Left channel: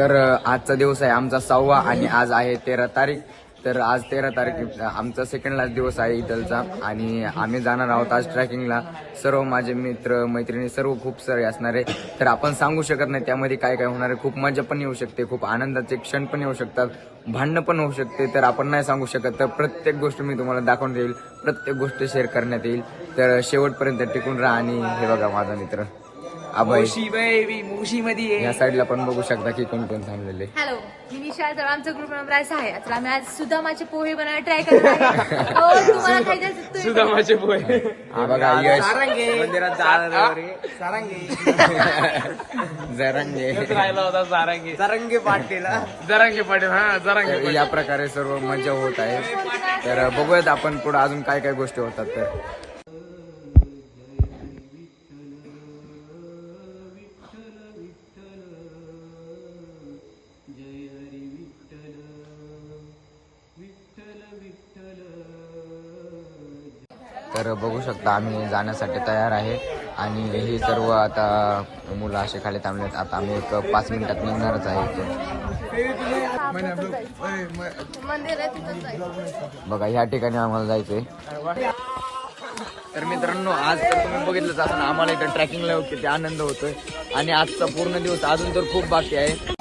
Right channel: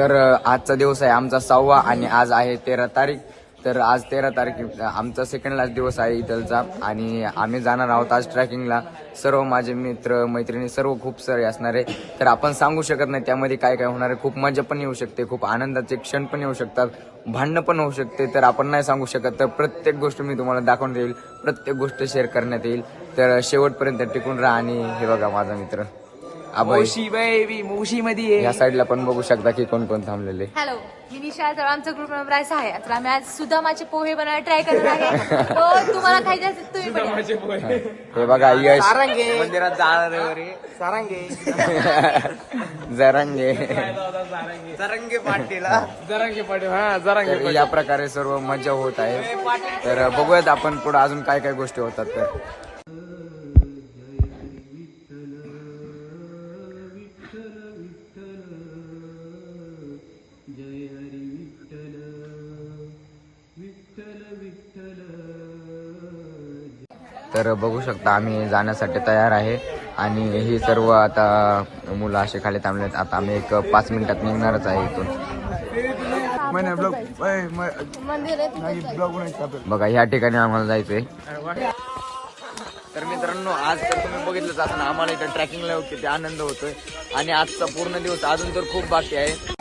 तर आजचा दिवस आहे आमचा 6वा आणि आज आहे 13 तारीख. तर आज 13 तारीख आमचा सेकंड लास्ट दिवस आहे इथलचा आणि आम्ही जाणार आहोत आज ट्रॅकिंगला. सर्व माझे मित्र मैत्रिणी सर्व खूप सारे असणार आहे. तर आपण सांगू शकत नाही त्यामध्ये काय काय होणार आहे. खूप मजा पण येऊ शकते, खूप आनंदाचे क्षण पण येऊ शकतात, भांडणं पण होऊ शकते. तर आपण नाही सांगू शकत. तर प्रत्येक गोष्ट मी तुम्हाला दाखवून देईल, प्रत्येक गोष्ट शेअर करण्यात येईल. तर शेवटपर्यंत टिकून राहा. आणि हे बघा माझा मित्र अभय, मुशी मध्ये या साईडला पण बघू शकता की कोण कोण थांबलेले. हॅलो, मी निशा. तर आमचा ग्रुप नंबर आहे 6. तर आम्ही आज सुदामाचे पोहे बनवायला ट्राय करणार आहे. तो तुम्हाला खायचे असेल तुम्ही बनवा. हा बघा यश मंदिरात जरांगे. जरंगे पाटील हा जरंगे. तर या प्रकारे सर्व मजा होत आहे. तर बघूयात आपण पुढे अजून काय काय गोष्टी होतात. तर तर बघू शकता आम्ही जाण्यासाठी तयार आहे आणि ही सर्व आता मुलं असे खाली थांबलेत. आता आम्ही एक 5 मिनिटात निघणारच आहे इथून. बघा ह्या ठिकाणी आम्हाला जायचंय. तर मित्रांनो, आज तर तुम्ही बघितलंच असं आम्हाला इथं ट्रॅकिंगला किती आनंद होतोय आणि आजचा पूर्ण दिवस अजून तर खूप बाकी आहे.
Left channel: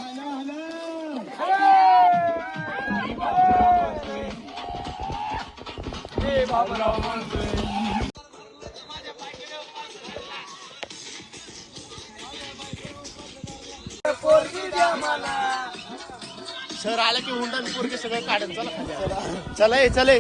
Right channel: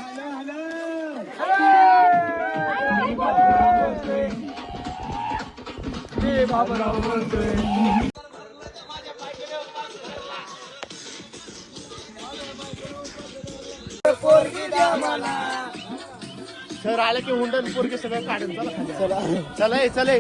सर आलं की हुंडन पोरगे सगळं काढून चला चले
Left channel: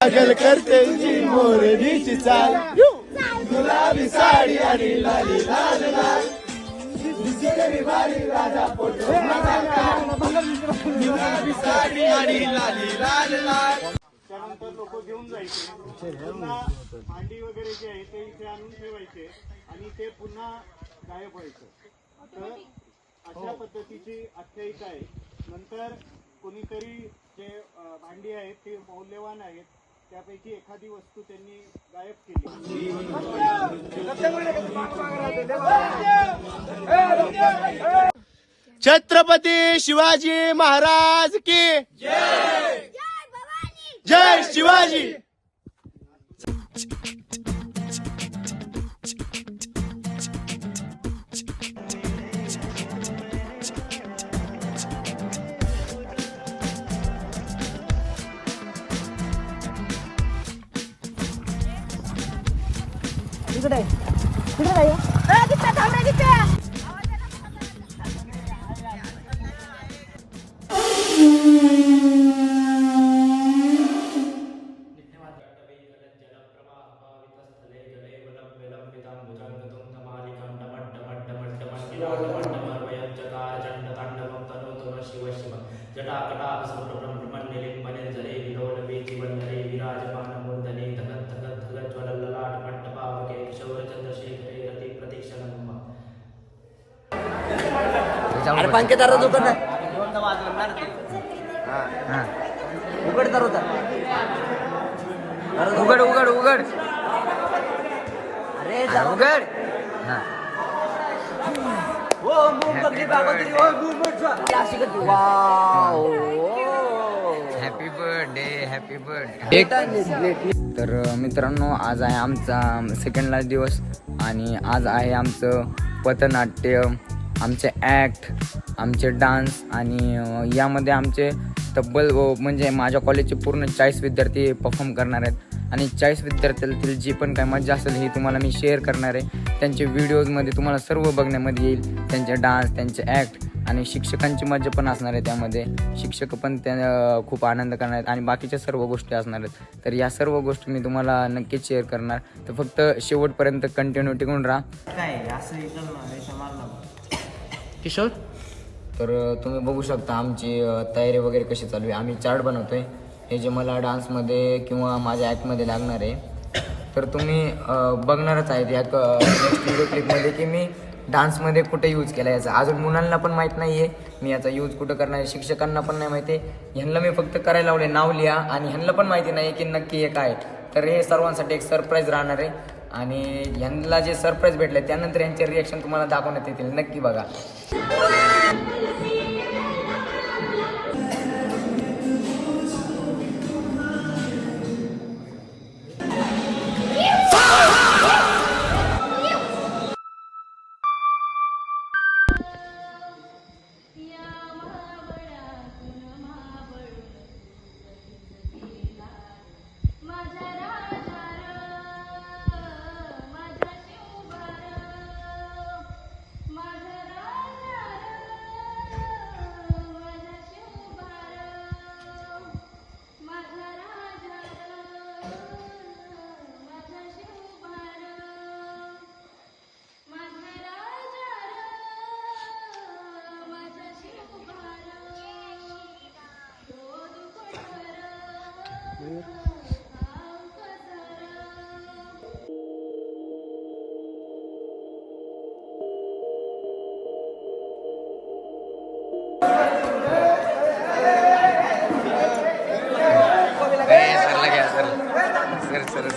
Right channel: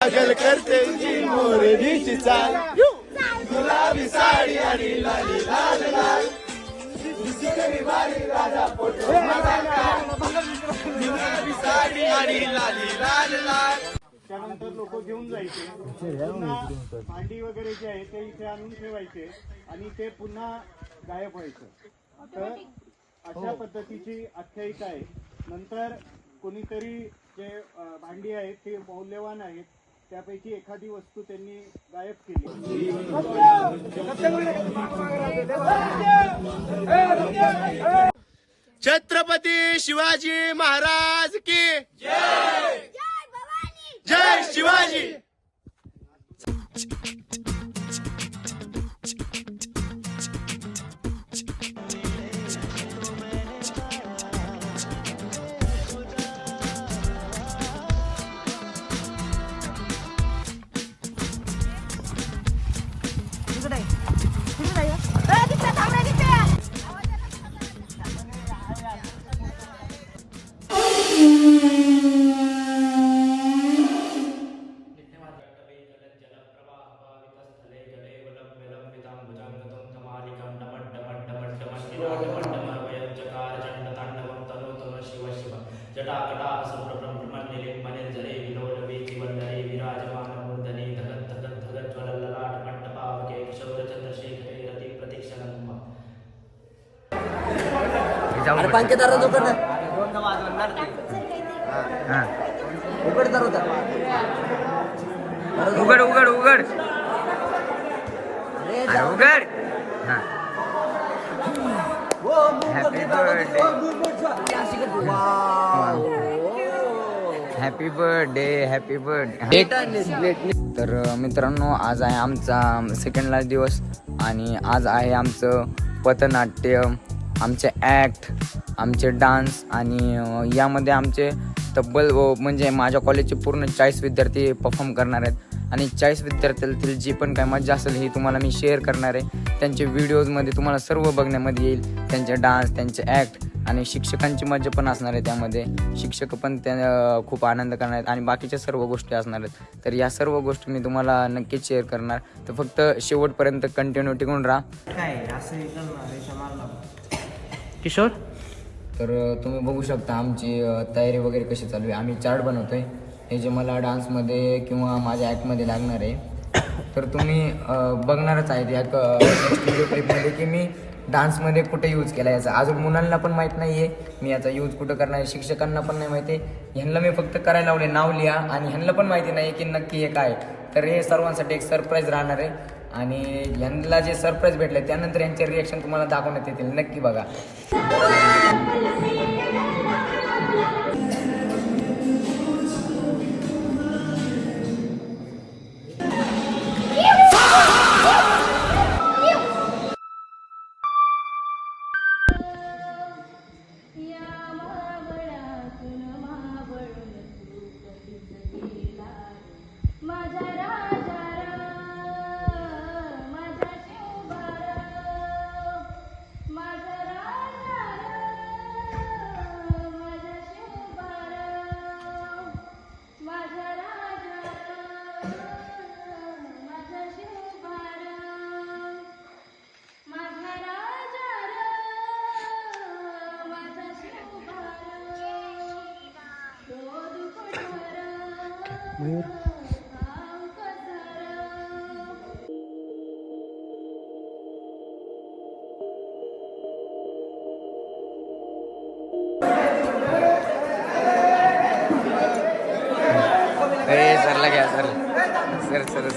पागल करते मोरनीची चाल, गुलाबी साडी आणि लाली लाल लाल, गुलाबी साडी आणि लाली लाल लाल. त्यानंतर लोक घेऊन जायचे भांडी वगैरे जे आहे ते इथे आणून ठेवायचे आणि ते पुन्हा गायब व्हायचं. तर अशा पद्धतीची आख्यायिका आहे. नंतर कोणीतरी जे भांडी आहेत ते मौल्यवान आहेत त्यापैकी एखादी वस्तू त्यांनी गायब केली. छत्रपती शिवाजी महाराज की जय. जय शिवाजी. अरे पंकेदार उघड उघडदार होता. उघड उघड उघड अरे उघड. Happy birthday. तर मित्रांनो, आज आहे आमचा सेकंड लास्ट दिवस आणि आज आहे आमचं पथनाट्य, आमचे ॲक्ट, आमचे डान्स आणि यामध्ये आमचे तब्बल म्हणजे माझ्या कॉलेजचे पूर्ण 40 विद्यार्थी परफॉर्म करणार आहेत आणि 40 विद्यार्थ्यातील जी पण काय मजा असेल ही तुम्हाला मी शेअर करणार आहे. त्यांचे व्हिडिओजमध्ये तुम्हाला सर्व बघण्यामध्ये येईल, त्यांचे डान्स, त्यांचे ॲक्ट आणि शिक्षकांची मजा पण असणार आहे. त्यामध्ये शिक्षक पण त्या खूप आनंद करणार आहेत आणि बाकीच्या सर्व गोष्टी असणार आहेत. तर या सर्व गोष्टी मी तुम्हाला नक्कीच शेअर करणार. तर फक्त शेवटपर्यंत कंटिन्यू टिकून राहा. किशोर, तर तुम्ही बघू शकता आमची तयारी वगैरे कशी चालू आहे. आम्ही चार्ट बनवतोय, हे जे मला डान्समध्ये किंवा माझ्या ॲक्टमध्ये लागणार आहे. तर तुम्ही बघणारच आहेत या नेक्स्ट व्हिडिओ क्लिपमध्ये की मी डान्समध्ये कुठे यूज केला याचा. अजून मुलांना पण माहीत नाही आहे मी याचा यूज कुठं करणार आहे, शिक्षकांना पण नाही माहिती आहे. ह्यांना मी फक्त करायला लावले नाव लिहा आणि ह्यांना पण माहिती नाही की नक्की हे काय. तर हे सर्वांसाठी एक सरप्राईज राहणार आहे आणि ह्यांना जे सरप्राईज भेटले त्यानंतर यांचे रिॲक्शन तुम्हाला दाखवण्यात येतील. नक्की बघा. सरला घ्या सर. सर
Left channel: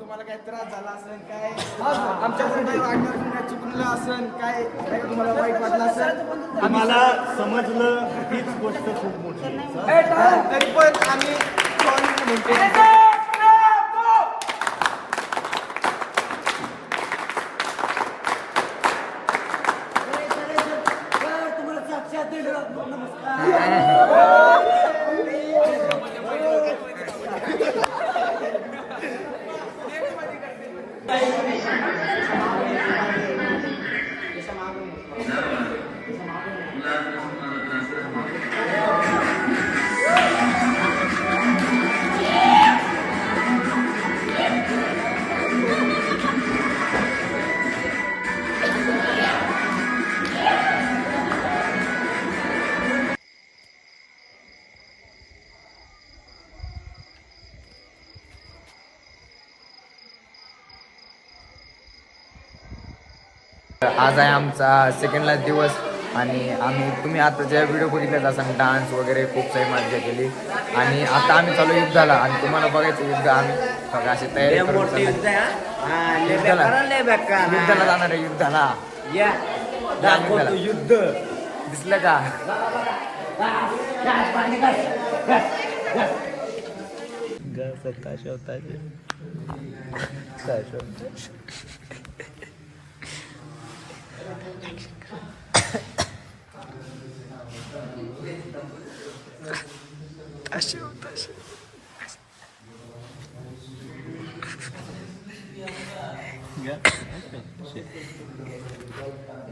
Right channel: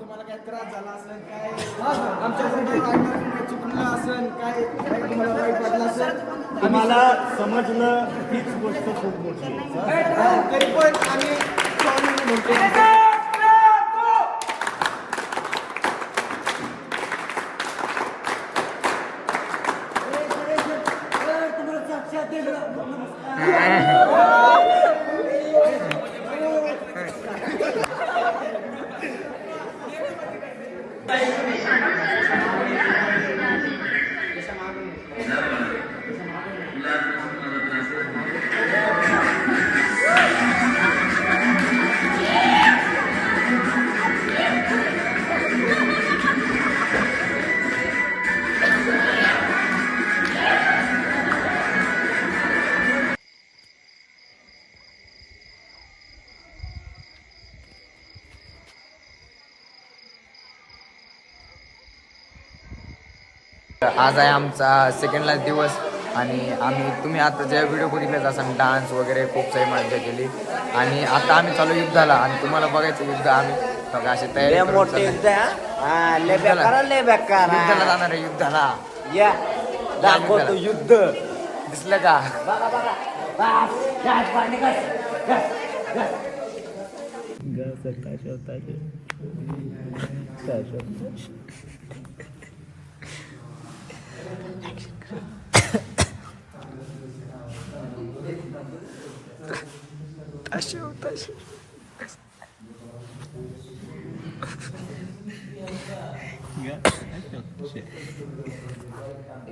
तुम्हाला काय त्रास झाला असेल, काय आमच्याकडे वागणार चुकलं असेल, काय तुम्हाला वाईट वाटलं असेल, आम्हाला समजलं हीच गोष्ट खूप मोठी आहे. तरी पण आम्ही सॉरी म्हणतो. आज आहे आमचा सेकंड लास्ट दिवस आणि तुम्ही आता ज्या व्हिडिओ बघितल्याच असाल डान्स वगैरे खूप सारी मजा केली आणि आता आम्ही चालू युद्धाला आणि तुम्हाला बघायचं युद्ध. आम्ही सगळं अशी तयारी करून चाललोय. युद्धाला जाणार आहे. युद्धाला युद्ध दिसलं का?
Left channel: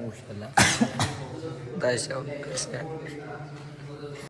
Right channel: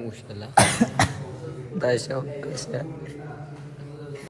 उशाला